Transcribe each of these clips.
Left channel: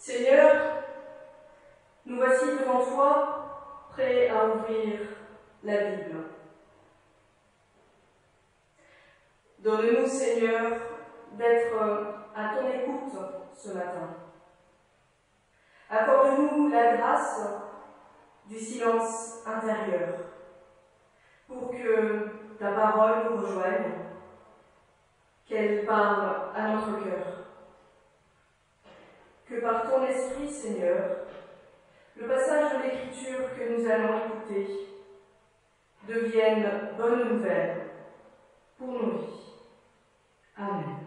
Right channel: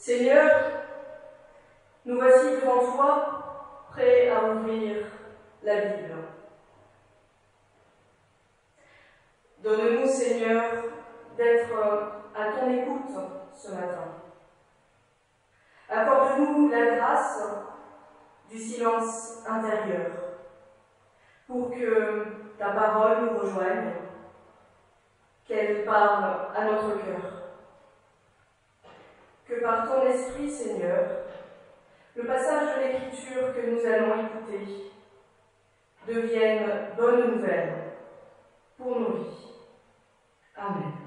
Seigneur, nous voici devant toi, prêts à ouvrir la Bible. Donne-nous, Seigneur, d'être à ton écoute ce matin. Accorde-nous la grâce du silence intérieur pour que ta parole nous rejoigne, qu'elle parle à notre cœur. Que par ton esprit, Seigneur, le passage de l'Écriture que nous allons écouter devienne bonne nouvelle pour nos vies. Amen.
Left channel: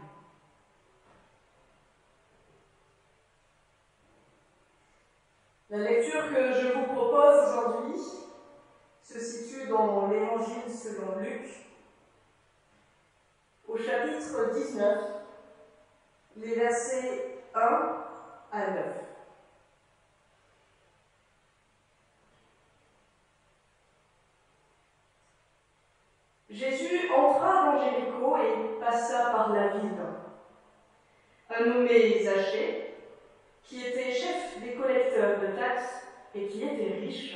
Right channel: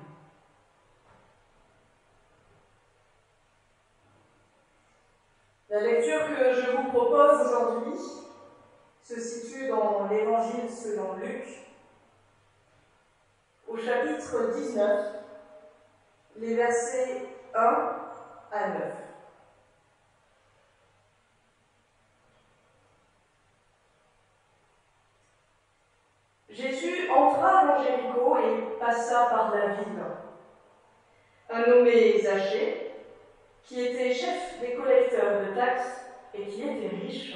La lecture que je vous propose aujourd'hui se situe dans l'Évangile selon Luc, au chapitre 19, les versets 1 à 9. Jésus entra dans Jéricho et passa par la ville. Un nommé Zachée, qui était chef des collecteurs de taxes et qui était riche,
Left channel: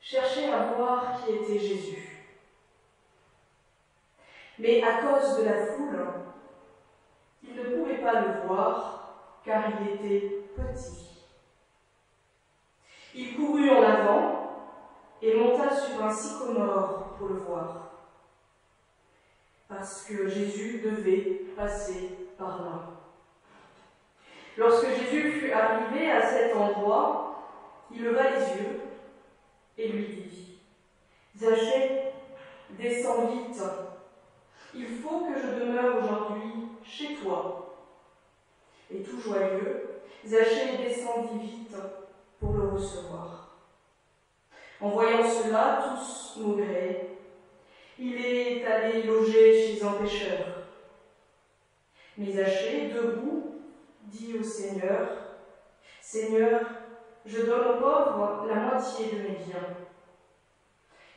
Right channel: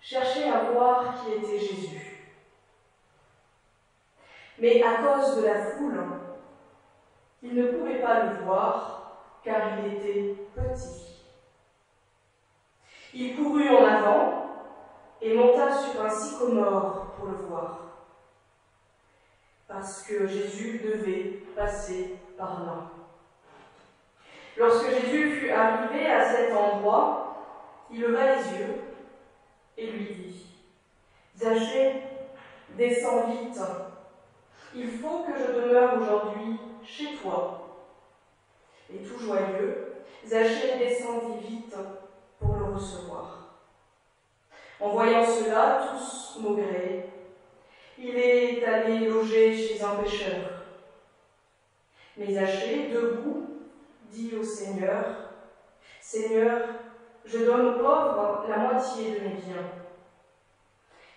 cherchait à voir qui était Jésus. Mais à cause de la foule, il ne pouvait pas le voir, car il était petit. Il courut en avant et monta sur un sycomore pour le voir, parce que Jésus devait passer par là. Lorsque Jésus fut arrivé à cet endroit, il leva les yeux et lui dit : « Zachée, descends vite, il faut que je demeure aujourd'hui chez toi. » Et tout joyeux, Zachée descendit vite pour le recevoir. En voyant cela, tous maugréaient. Il est allé loger chez un pêcheur. Mais Zachée, debout, dit au Seigneur : « Seigneur, je donne aux pauvres la moitié de mes biens.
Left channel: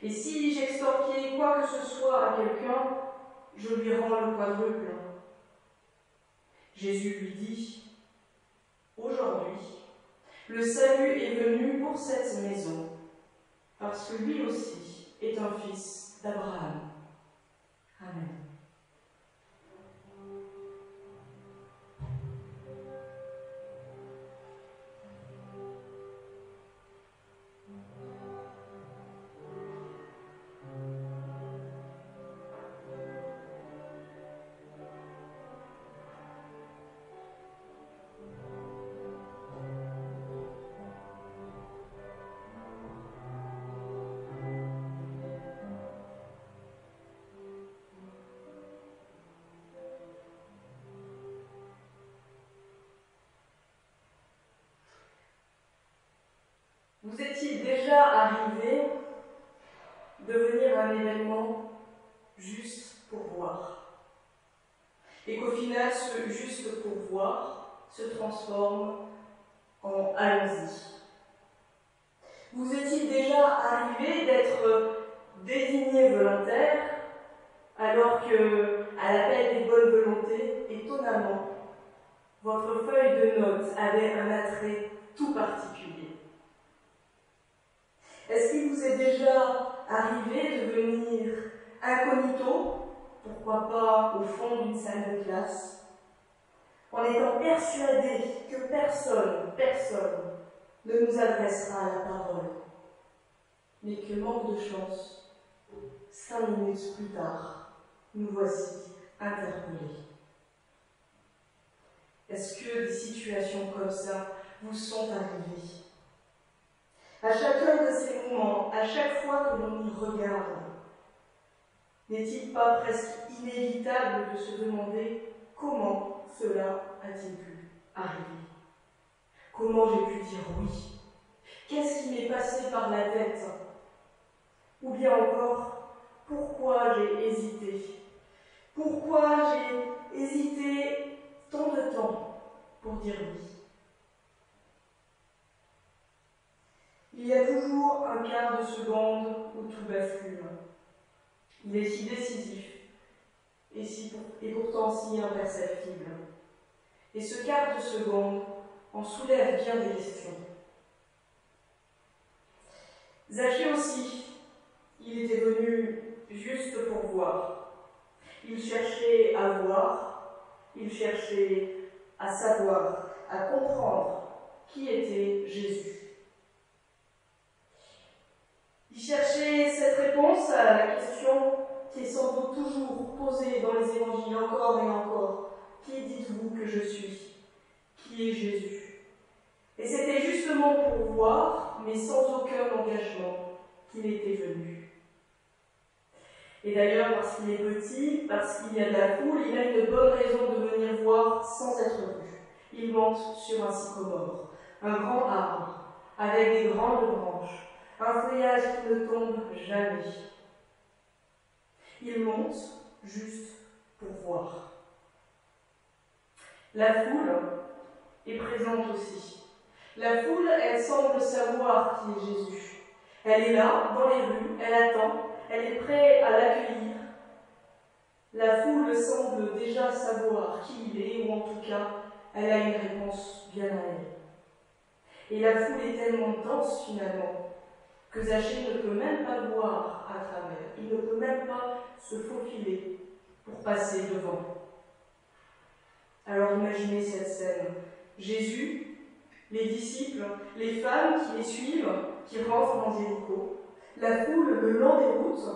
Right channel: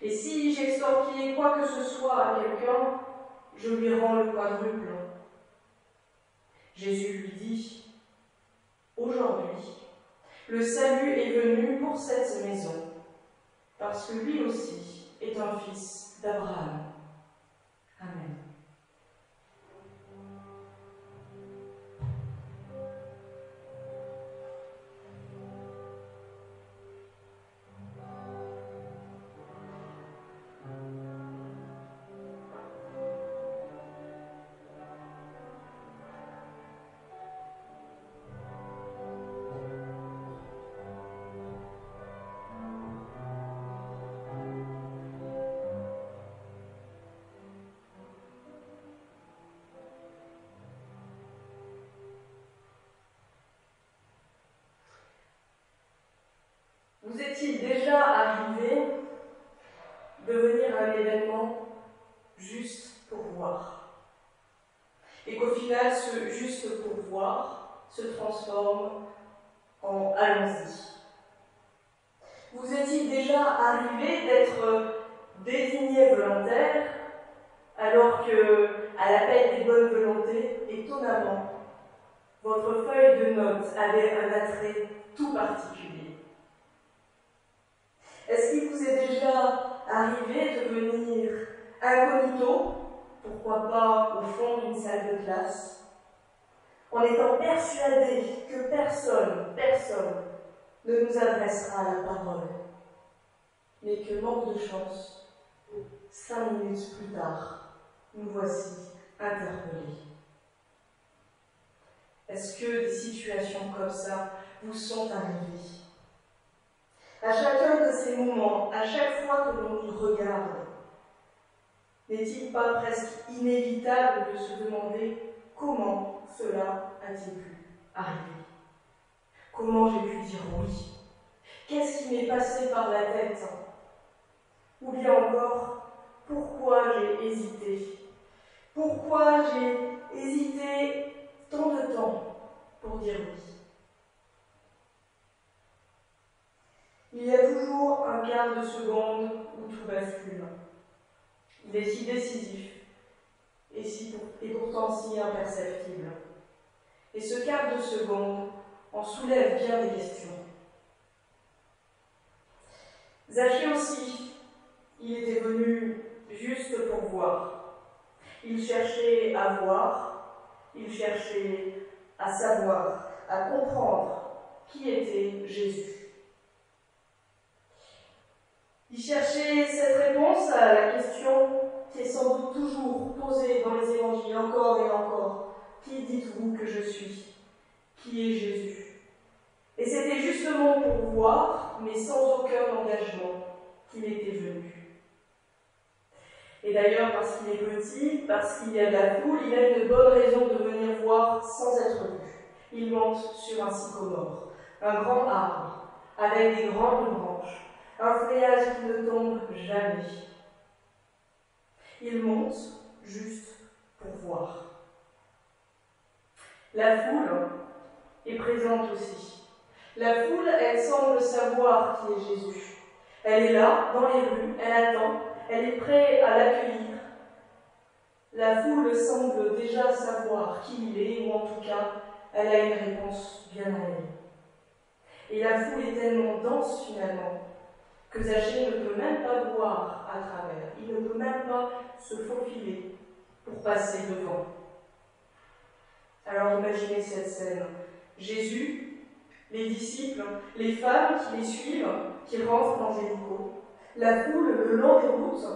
Et si j'extorquais quoi que ce soit à quelqu'un, je lui rends le quadruple. » Jésus lui dit : « Aujourd'hui, le salut est venu pour cette maison, parce que lui aussi est un fils d'Abraham. » Amen. Vous est-il déjà arrivé de venir à un événement juste pour voir, et qu'au final, ce juste pour voir se transforme en allons-y? Vous est-il déjà arrivé d'être désigné volontaire alors que, à l'appel des bonnes volontés, étonnamment, votre feuille de notes avait un attrait tout particulier? Est-ce qu'il vous est déjà arrivé de venir incognito, pourquoi pas au fond d'une salle de classe, en étant persuadé que personne ne nous adressera la parole, mais que, manque de chance, 5 minutes plus tard, nous voici interpellés? Est-ce que des situations comme ça vous sont arrivées? À chacun de ces moments, à chaque fois que l'on nous regarde, n'est-il pas presque inévitable de se demander comment cela a-t-il pu arriver? Comment j'ai pu dire oui? Qu'est-ce qui m'est passé par la tête? Ou bien encore, pourquoi j'ai hésité? Pourquoi j'ai hésité tant de temps pour dire oui? Il y a toujours un quart de seconde où tout bascule. Il est si décisif et pourtant si imperceptible. Et ce quart de seconde en soulève bien des questions. Zachée aussi, il était venu juste pour voir. Il cherchait à voir, il cherchait à savoir, à comprendre qui était Jésus. Il cherchait cette réponse à la question qui est sans doute toujours posée dans les évangiles encore et encore. Qui dites-vous que je suis? Qui est Jésus? Et c'était justement pour voir, mais sans aucun engagement, qu'il était venu. Et d'ailleurs, parce qu'il est petit, parce qu'il y a de la foule, il a une bonne raison de venir voir sans être vu. Il monte sur un sycomore, un grand arbre, avec des grandes branches, un feuillage qui ne tombe jamais. Il monte juste pour voir. La foule est présente aussi. La foule, elle semble savoir qui est Jésus. Elle est là, dans les rues, elle attend, elle est prête à l'accueillir. La foule semble déjà savoir qui il est, ou en tout cas, elle a une réponse bien à elle. Et la foule est tellement dense finalement, que Zachée ne peut même pas voir à travers. Il ne peut même pas se faufiler pour passer devant. Alors imaginez cette scène. Jésus, les disciples, les femmes qui les suivent, qui rentrent dans Jéricho, la foule le long des routes,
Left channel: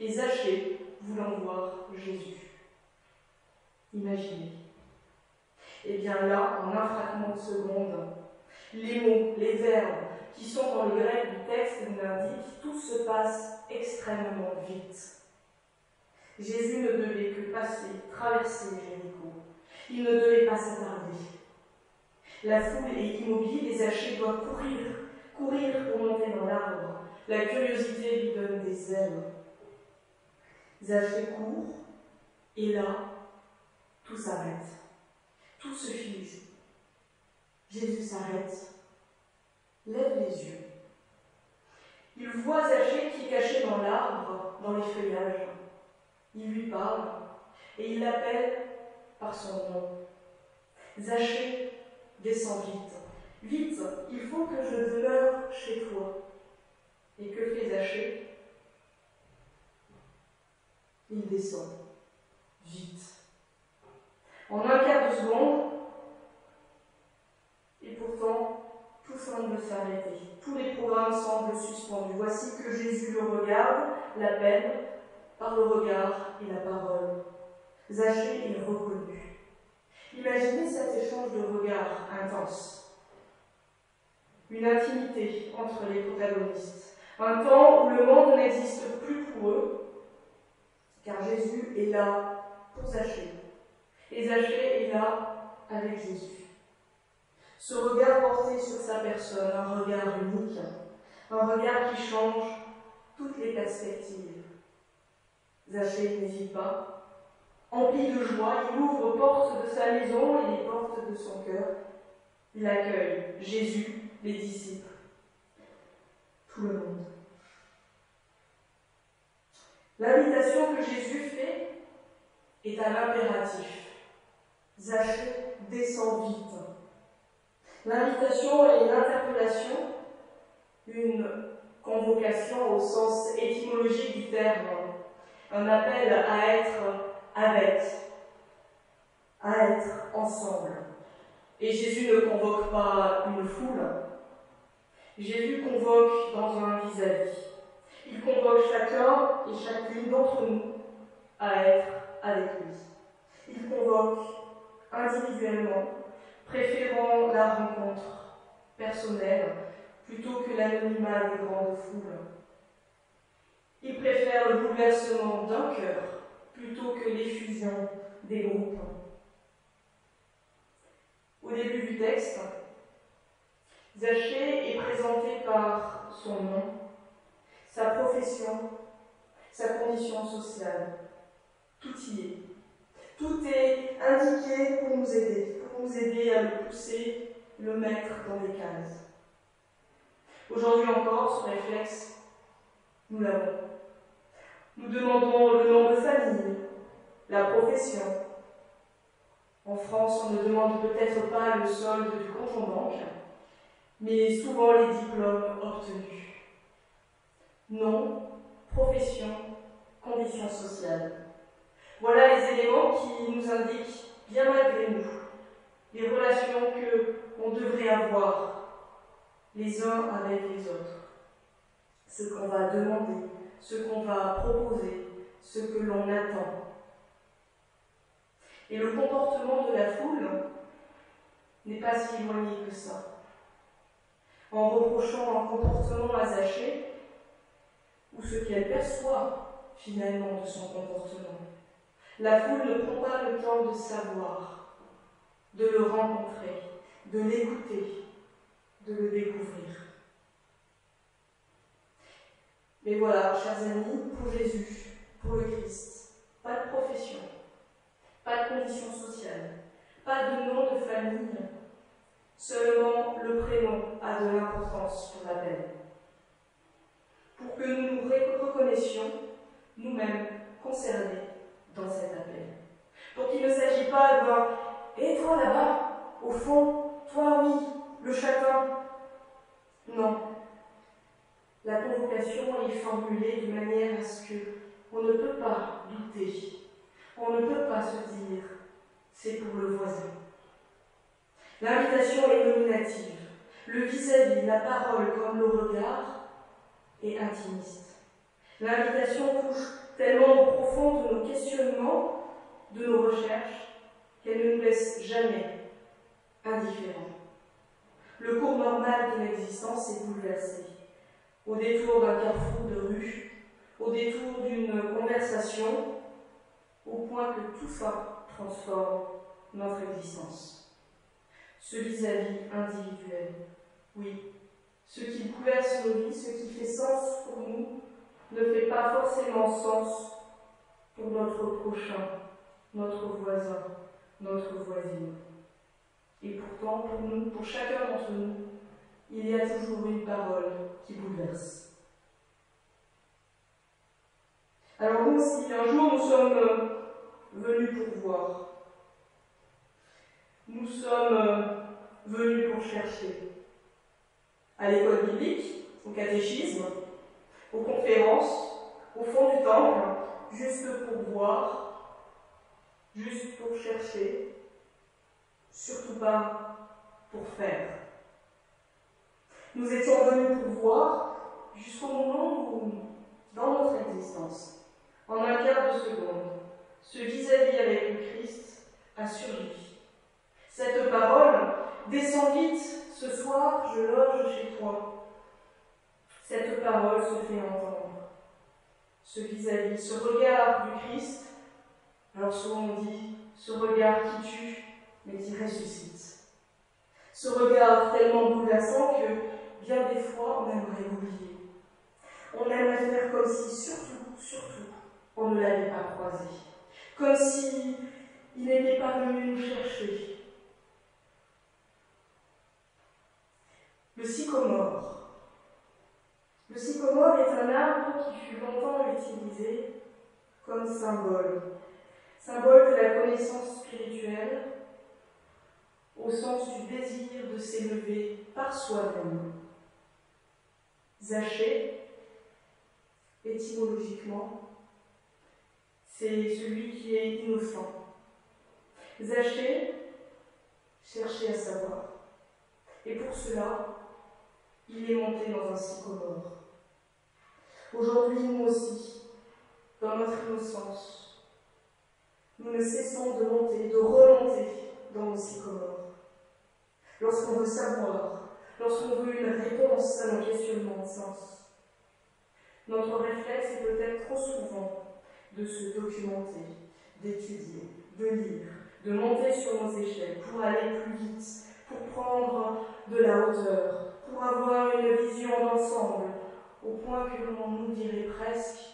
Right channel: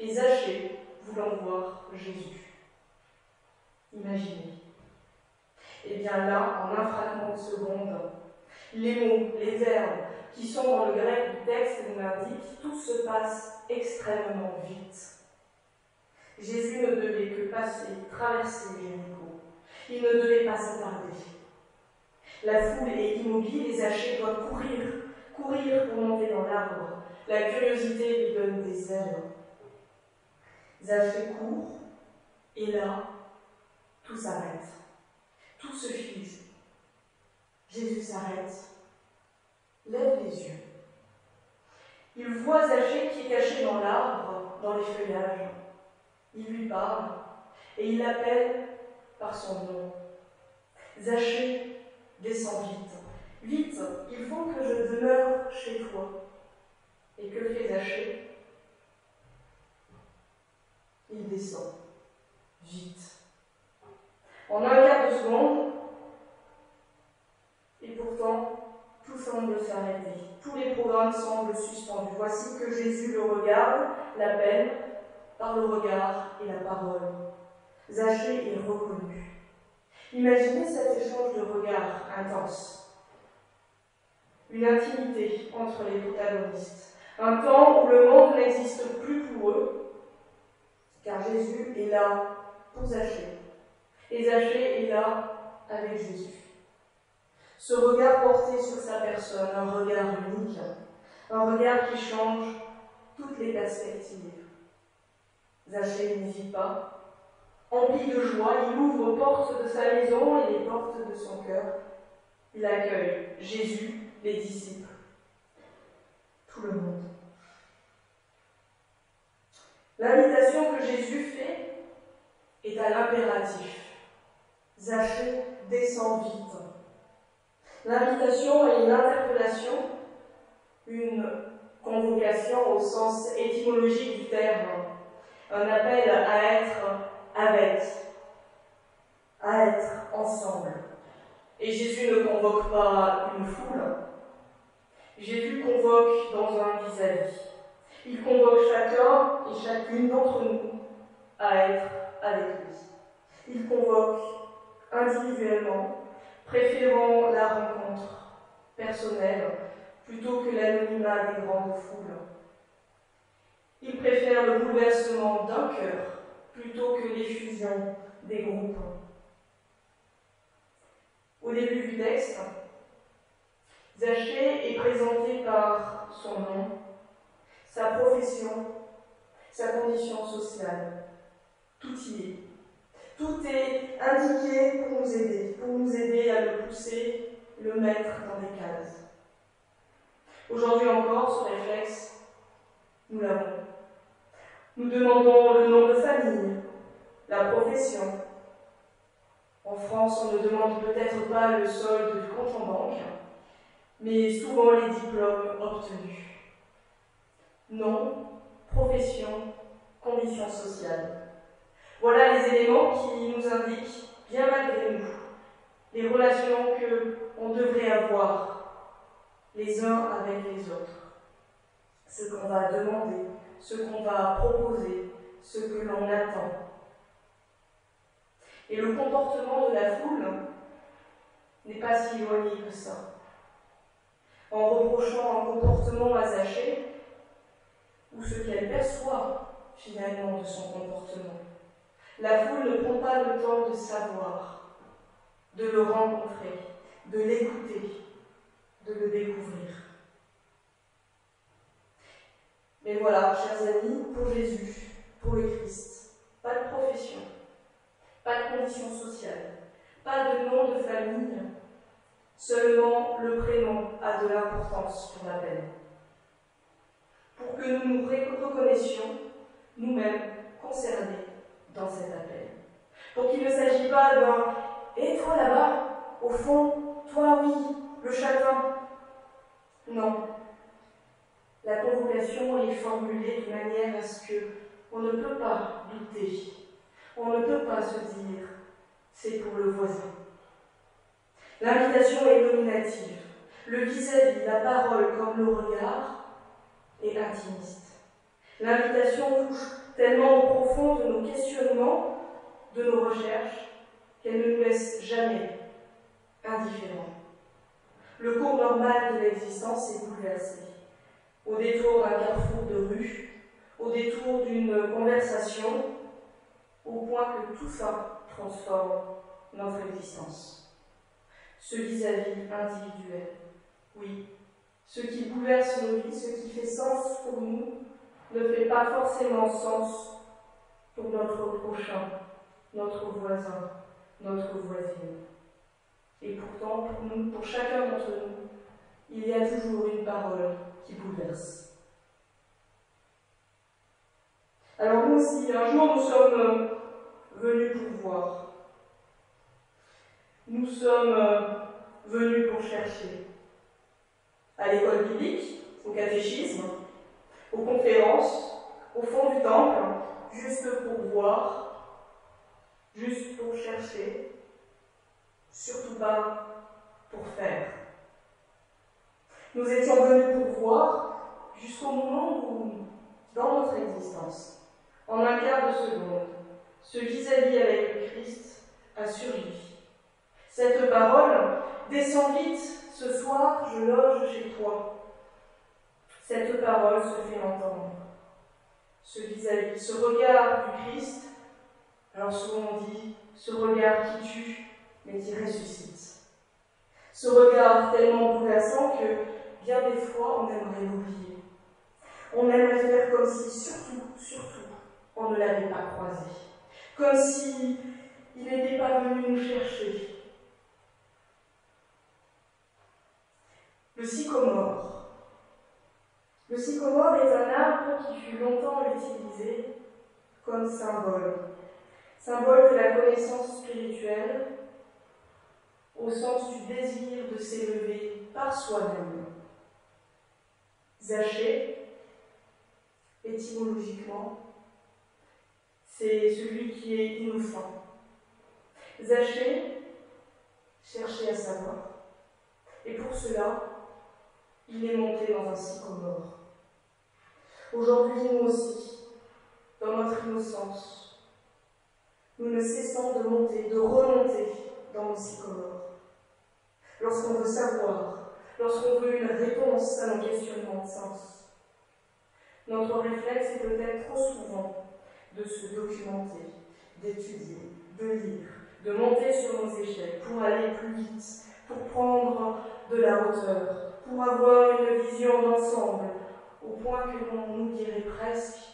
et Zachée voulant voir Jésus. Imaginez. Et bien là, en un fragment de seconde, les mots, les verbes qui sont dans le grec du texte nous l'indiquent, tout se passe extrêmement vite. Jésus ne devait que passer, traverser Jéricho. Il ne devait pas s'attarder. La foule est immobile et Zachée doit courir pour monter dans l'arbre. La curiosité lui donne des ailes. Zachée court, et là, tout s'arrête. Tout se fige. Jésus s'arrête, lève les yeux. Il voit Zachée qui est caché dans l'arbre, dans les feuillages. Il lui parle, et il l'appelle par son nom. Zachée, descends vite. Vite, il faut que je demeure chez toi. Et que fait Zachée? Il descend. Vite. En un quart de seconde, et pourtant, tout semble s'arrêter. Tous les programmes semblent suspendus. Voici que Jésus le regarde, l'appelle, par le regard et la parole. Zachée est reconnu. Imaginez cet échange de regards intense. Une intimité entre les protagonistes. Un temps où le monde n'existe plus pour eux, car Jésus est là pour Zachée. Et Zachée est là avec Jésus. Ce regard porté sur sa personne, un regard unique, un regard qui change toutes les perspectives. Zachée n'hésite pas. Empli de joie, il ouvre les portes de sa maison et les portes de son cœur. Il accueille Jésus, les disciples, tout le monde. L'invitation que Jésus fait est à l'impératif. Zachée, descends vite. L'invitation est une interpellation, une convocation au sens étymologique du terme, un appel à être avec, à être ensemble. Et Jésus ne convoque pas une foule, Jésus convoque dans un vis-à-vis. Il convoque chacun et chacune d'entre nous à être avec lui. Il convoque individuellement, préférant la rencontre personnelle plutôt que l'anonymat des grandes foules. Il préfère le bouleversement d'un cœur plutôt que l'effusion des groupes. Au début du texte, Zachée est présenté par son nom, sa profession, sa condition sociale. Tout y est. Tout est indiqué pour nous aider à le pousser, le mettre dans des cases. Aujourd'hui encore, ce réflexe, nous l'avons. Nous demandons le nom de famille, la profession. En France, on ne demande peut-être pas le solde du compte en banque, mais souvent les diplômes obtenus. Nom, profession, conditions sociales. Voilà les éléments qui nous indiquent, bien malgré nous, les relations que l'on devrait avoir les uns avec les autres. Ce qu'on va demander, ce qu'on va proposer, ce que l'on attend. Et le comportement de la foule n'est pas si éloigné que ça. En reprochant un comportement à Zachée, ou ce qu'elle perçoit finalement de son comportement, la foule ne prend pas le temps de savoir, de le rencontrer, de l'écouter, de le découvrir. Mais voilà, chers amis, pour Jésus, pour le Christ, pas de profession, pas de condition sociale, pas de nom de famille, seulement le prénom a de l'importance pour l'appel. Pour que nous nous reconnaissions, nous-mêmes, concernés dans cet appel. Donc il ne s'agit pas d'un « et toi là-bas, au fond, toi oui, le chacun ». Non. La convocation est formulée de manière à ce qu'on ne peut pas douter, on ne peut pas se dire « c'est pour le voisin ». L'invitation est nominative, le vis-à-vis, la parole comme le regard est intimiste. L'invitation touche tellement au profond de nos questionnements, de nos recherches, qu'elle ne nous laisse jamais indifférents. Le cours normal de l'existence est bouleversé. Au détour d'un carrefour de rue, au détour d'une conversation, au point que tout ça transforme notre existence. Ce vis-à-vis individuel, oui, ce qui bouleverse nos vies, ce qui fait sens pour nous, ne fait pas forcément sens pour notre prochain, notre voisin, notre voisine. Et pourtant, pour nous, pour chacun d'entre nous, il y a toujours une parole qui bouleverse. Alors nous aussi, un jour, nous sommes venus pour voir. Nous sommes venus pour chercher. À l'école biblique, au catéchisme, aux conférences, au fond du temple, juste pour voir, juste pour chercher, surtout pas pour faire. Nous étions venus pour voir jusqu'au moment où, dans notre existence, en un quart de seconde, ce vis-à-vis avec le Christ a surgi. Cette parole, descends vite, ce soir je loge chez toi. Cette parole se fait entendre. Ce vis-à-vis, ce regard du Christ, alors souvent on dit, ce regard qui tue, mais qui ressuscite. Ce regard tellement bouleversant que, bien des fois, on aimerait l'oublier. On aimerait faire comme si, surtout, on ne l'avait pas croisé. Comme si il n'était pas venu nous chercher. Le sycomore. Le sycomore est un arbre qui fut longtemps utilisé comme symbole. Symbole de la connaissance spirituelle, au sens du désir de s'élever par soi-même. Zachée, étymologiquement, c'est celui qui est innocent. Zachée, chercher à savoir. Et pour cela, il est monté dans un sycomore. Aujourd'hui, nous aussi, dans notre innocence, nous ne cessons de monter, de remonter dans nos sycomores. Lorsqu'on veut savoir, lorsqu'on veut une réponse à nos questionnements de sens, notre réflexe est peut-être trop souvent de se documenter, d'étudier, de lire, de monter sur nos échelles pour aller plus vite, pour prendre de la hauteur, pour avoir une vision d'ensemble, au point que l'on nous dirait presque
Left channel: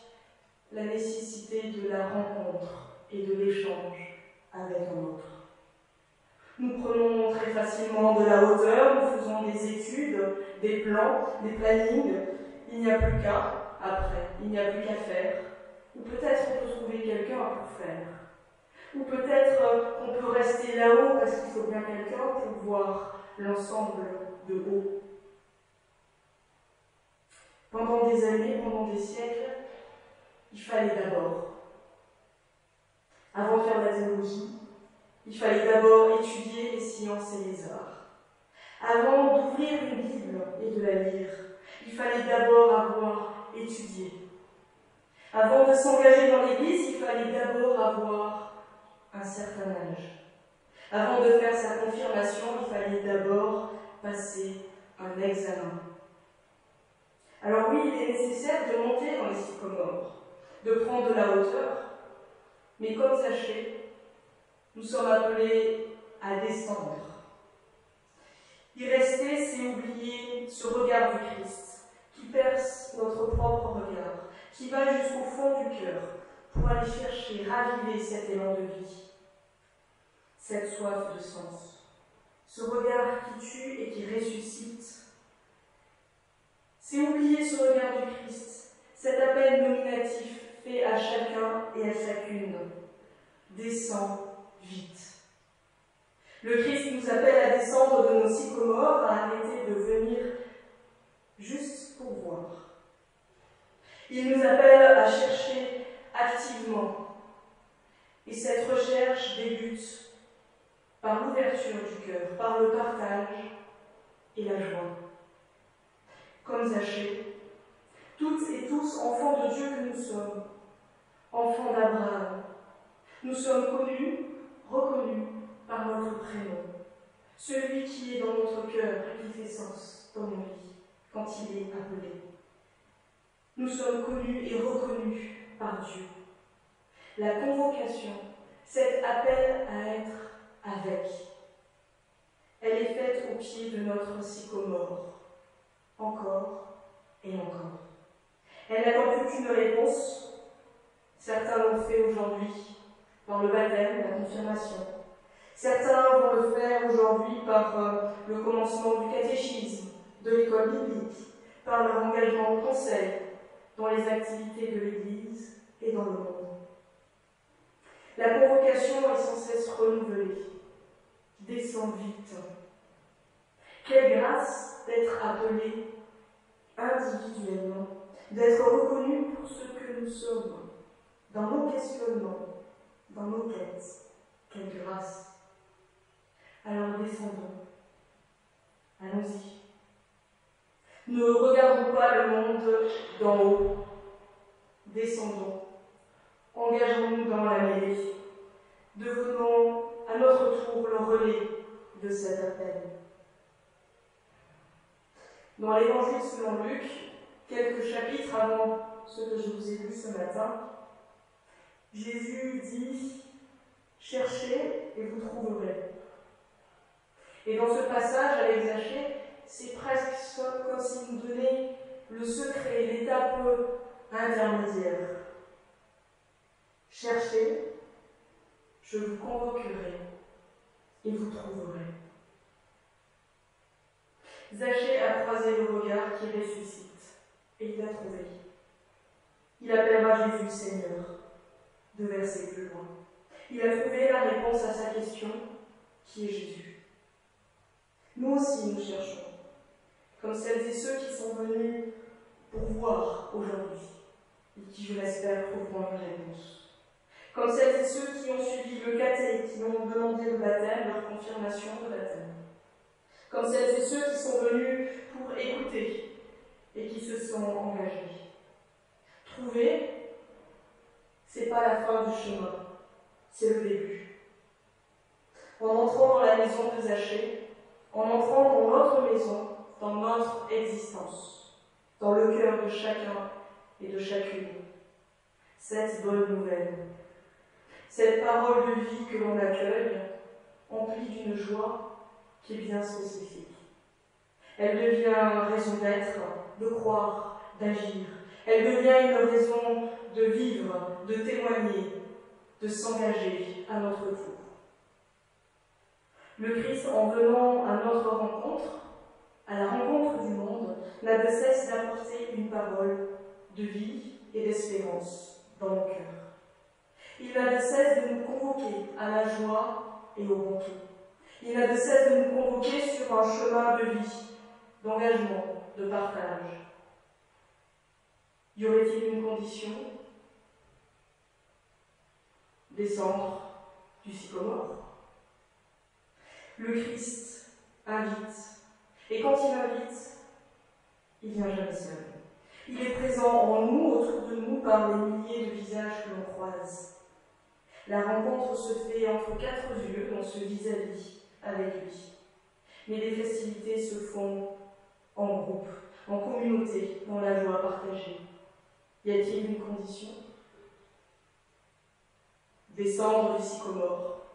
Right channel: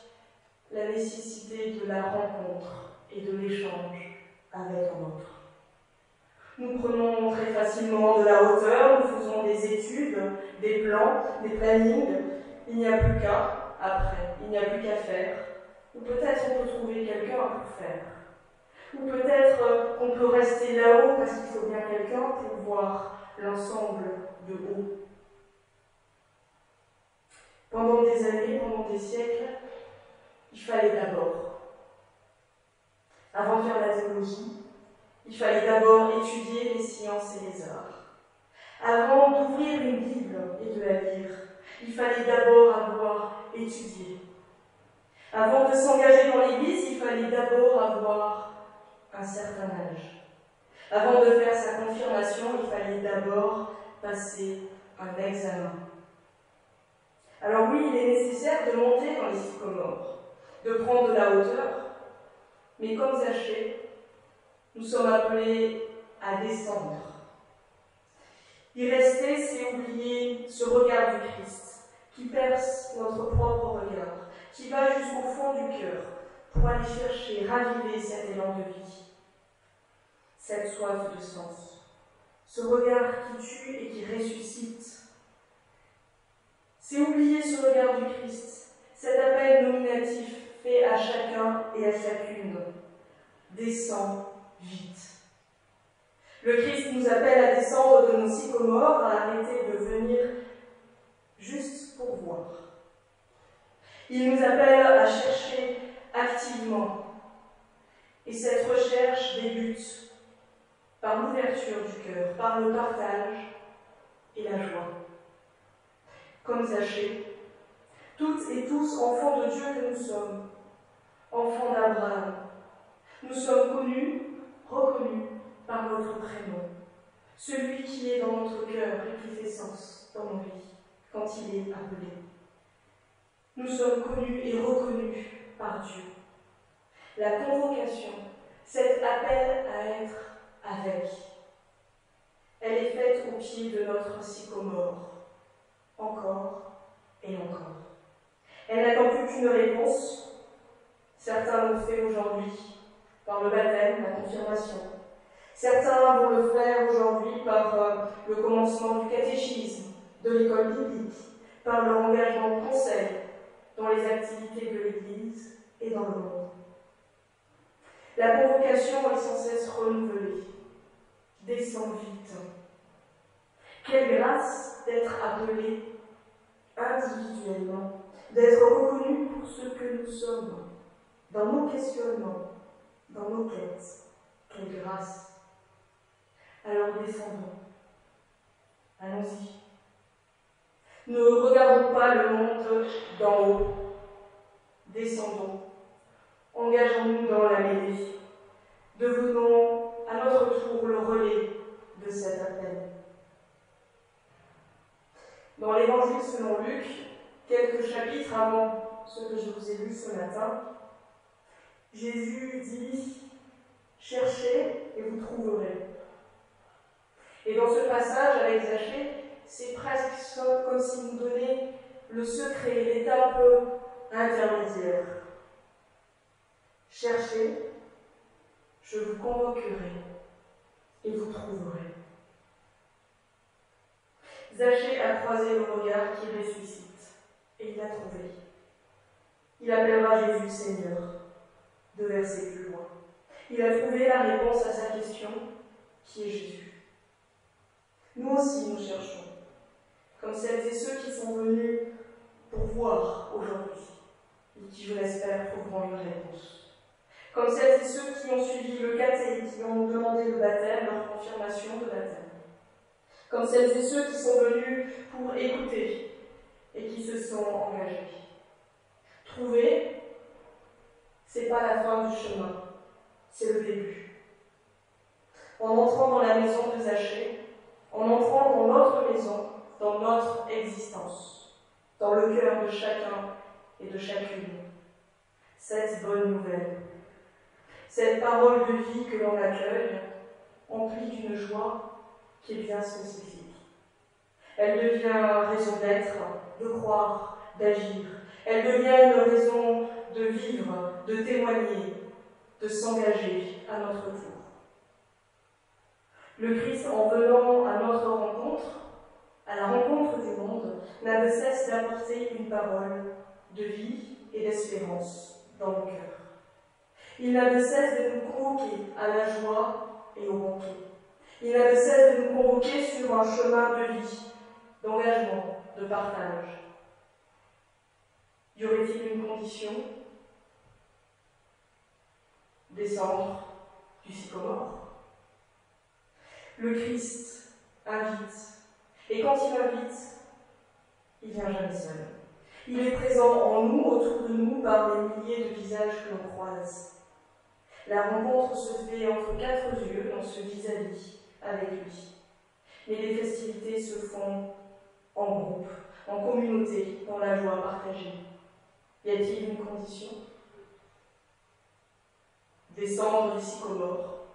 la nécessité de la rencontre et de l'échange avec un autre. Nous prenons très facilement de la hauteur, nous faisons des études, des plans, des plannings. Il n'y a plus qu'à, après, il n'y a plus qu'à faire. Ou peut-être on peut trouver quelqu'un pour faire. Ou peut-être qu'on peut rester là-haut parce qu'il faut bien quelqu'un pour voir l'ensemble de haut. Pendant des années, pendant des siècles, il fallait d'abord, avant de faire la théologie, il fallait d'abord étudier les sciences et les arts. Avant d'ouvrir une Bible et de la lire, il fallait d'abord avoir étudié. Avant de s'engager dans l'Église, il fallait d'abord avoir un certain âge. Avant de faire sa confirmation, il fallait d'abord passer un examen. Alors oui, il est nécessaire de monter dans les sycomores, de prendre de la hauteur, mais comme Zachée, nous sommes appelés à descendre. Y rester, c'est oublier ce regard du Christ, qui perce notre propre regard, qui va jusqu'au fond du cœur pour aller chercher, raviver cet élan de vie, cette soif de sens, ce regard qui tue et qui ressuscite. C'est oublier ce regard du Christ, cet appel nominatif fait à chacun et à chacune. Descends vite. Le Christ nous appelle à descendre de nos sycomores, à arrêter de venir juste pour voir. Il nous appelle à chercher activement. Et cette recherche débute par l'ouverture du cœur, par le partage et la joie. Comme Zachée, toutes et tous enfants de Dieu que nous sommes, enfants d'Abraham, nous sommes connus, reconnus par notre prénom, celui qui est dans notre cœur et qui fait sens dans nos vies quand il est appelé. Nous sommes connus et reconnus par Dieu. La convocation, cet appel à être avec, elle est faite au pied de notre sycomore, encore et encore. Elle n'attend plus qu'une réponse. Certains l'ont fait aujourd'hui par le baptême, la confirmation. Certains vont le faire aujourd'hui par le commencement du catéchisme, de l'école biblique, par leur engagement au conseil, dans les activités de l'Église et dans le monde. La convocation est sans cesse renouvelée. Descends vite. Quelle grâce d'être appelé individuellement, d'être reconnu pour ce que nous sommes, dans nos questionnements, dans nos quêtes. Quelle grâce. Alors descendons. Allons-y. Ne regardons pas le monde d'en haut. Descendons. Engageons-nous dans la mêlée. Devenons à notre tour le relais de cet appel. Dans l'Évangile selon Luc, quelques chapitres avant ce que je vous ai lu ce matin, Jésus dit « Cherchez et vous trouverez ». Et dans ce passage avec Zachée, c'est presque comme s'il nous donnait le secret, l'étape intermédiaire. Cherchez, je vous convoquerai et vous trouverez. Zachée a croisé le regard qui ressuscite et il l'a trouvé. Il appellera Jésus Seigneur, 2 versets plus loin. Il a trouvé la réponse à sa question, qui est Jésus. Nous aussi, nous cherchons, comme celles et ceux qui sont venus pour voir aujourd'hui, et qui, je l'espère, trouveront une réponse. Comme celles et ceux qui ont suivi le caté, qui ont demandé le baptême, leur confirmation de baptême. Comme celles et ceux qui sont venus pour écouter et qui se sont engagés. Trouver, c'est pas la fin du chemin, c'est le début. En entrant dans la maison de Zachée, en entrant dans notre maison, dans notre existence, dans le cœur de chacun et de chacune, cette bonne nouvelle, cette parole de vie que l'on accueille, emplie d'une joie qui est bien spécifique. Elle devient raison d'être, de croire, d'agir. Elle devient une raison de vivre, de témoigner, de s'engager à notre tour. Le Christ, en venant à notre rencontre, à la rencontre du monde, n'a de cesse d'apporter une parole de vie et d'espérance dans nos cœurs. Il n'a de cesse de nous convoquer à la joie et au repos. Il n'a de cesse de nous convoquer sur un chemin de vie, d'engagement, de partage. Y aurait-il une condition? Descendre du sycomore. Le Christ invite. Et quand il invite, il vient jamais seul. Il est présent en nous, autour de nous, par les milliers de visages que l'on croise. La rencontre se fait entre quatre yeux dans ce vis-à-vis avec lui. Mais les festivités se font en groupe, en communauté, dans la joie partagée. Y a-t-il une condition? Descendre du sycomore,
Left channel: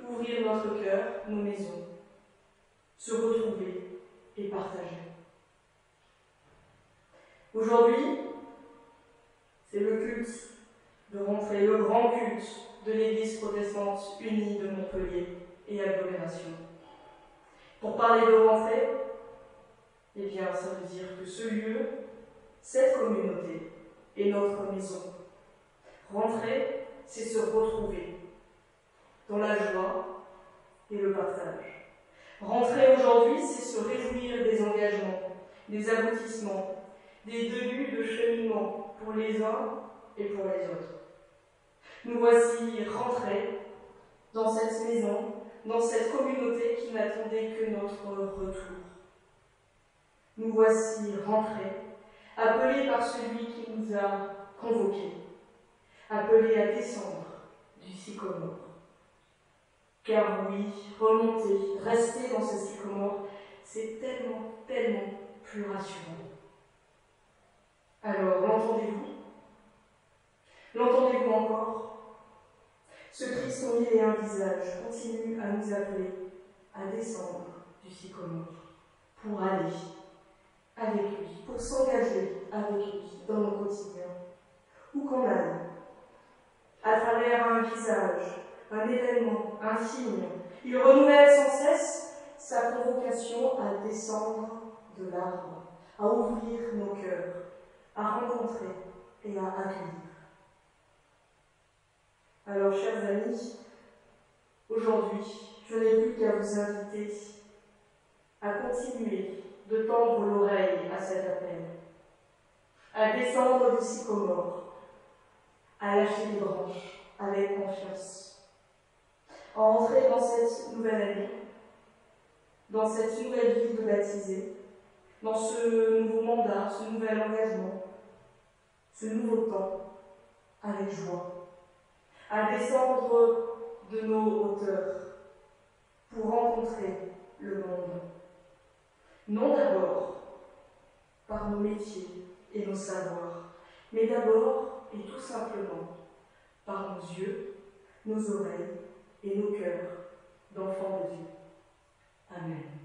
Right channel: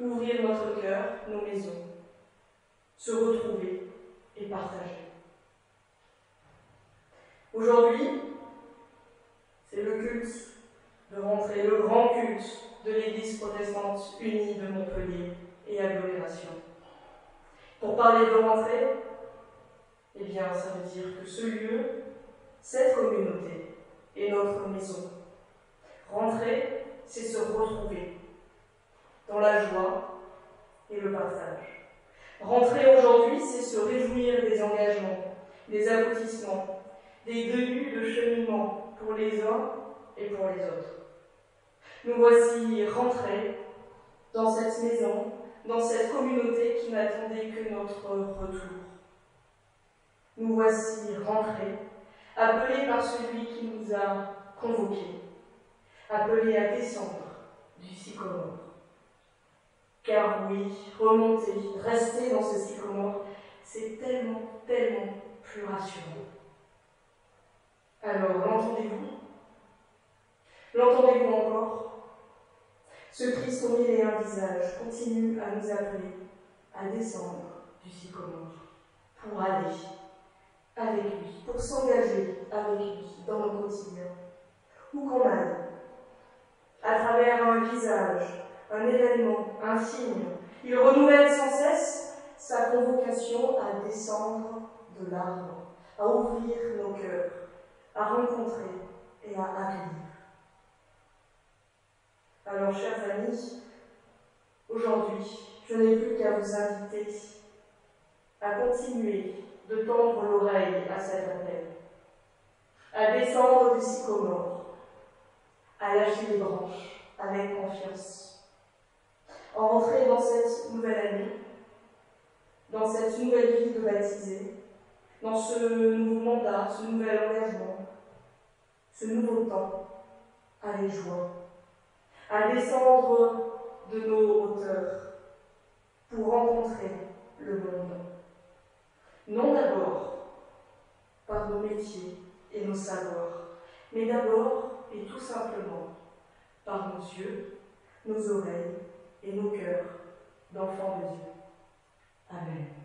ouvrir notre cœur, nos maisons, se retrouver et partager. Aujourd'hui, c'est le culte de rentrée, le grand culte de l'Église protestante unie de Montpellier et agglomération. Pour parler de rentrée, eh bien, ça veut dire que ce lieu, cette communauté, est notre maison. Rentrer, c'est se retrouver dans la joie et le partage. Rentrer aujourd'hui, c'est se réjouir des engagements, des aboutissements, des débuts de cheminement pour les uns et pour les autres. Nous voici rentrés dans cette maison, dans cette communauté qui n'attendait que notre retour. Nous voici rentrés, appelés par celui qui nous a convoqués, appelés à descendre du sycomore. Car oui, remonter, rester dans ce sycomore, c'est tellement, tellement plus rassurant. Alors, l'entendez-vous? L'entendez-vous encore? Ce Christ au mille et un visages continue à nous appeler à descendre du sycomore pour aller avec lui, pour s'engager avec lui dans le quotidien. Où qu'on aille, à travers un visage, un événement, un signe, il renouvelle sans cesse sa convocation à descendre de l'arbre, à ouvrir nos cœurs, à rencontrer et à accueillir. Alors, chers amis, aujourd'hui, je n'ai plus qu'à vous inviter à continuer de tendre l'oreille à cet appel, à descendre du sycomore, à lâcher les branches avec confiance, à entrer dans cette nouvelle année, dans cette nouvelle vie de baptisé, dans ce nouveau mandat, ce nouvel engagement, ce nouveau temps, avec joie, à descendre de nos hauteurs pour rencontrer le monde. Non d'abord par nos métiers et nos savoirs, mais d'abord et tout simplement par nos yeux, nos oreilles et nos cœurs d'enfants de Dieu. Amen.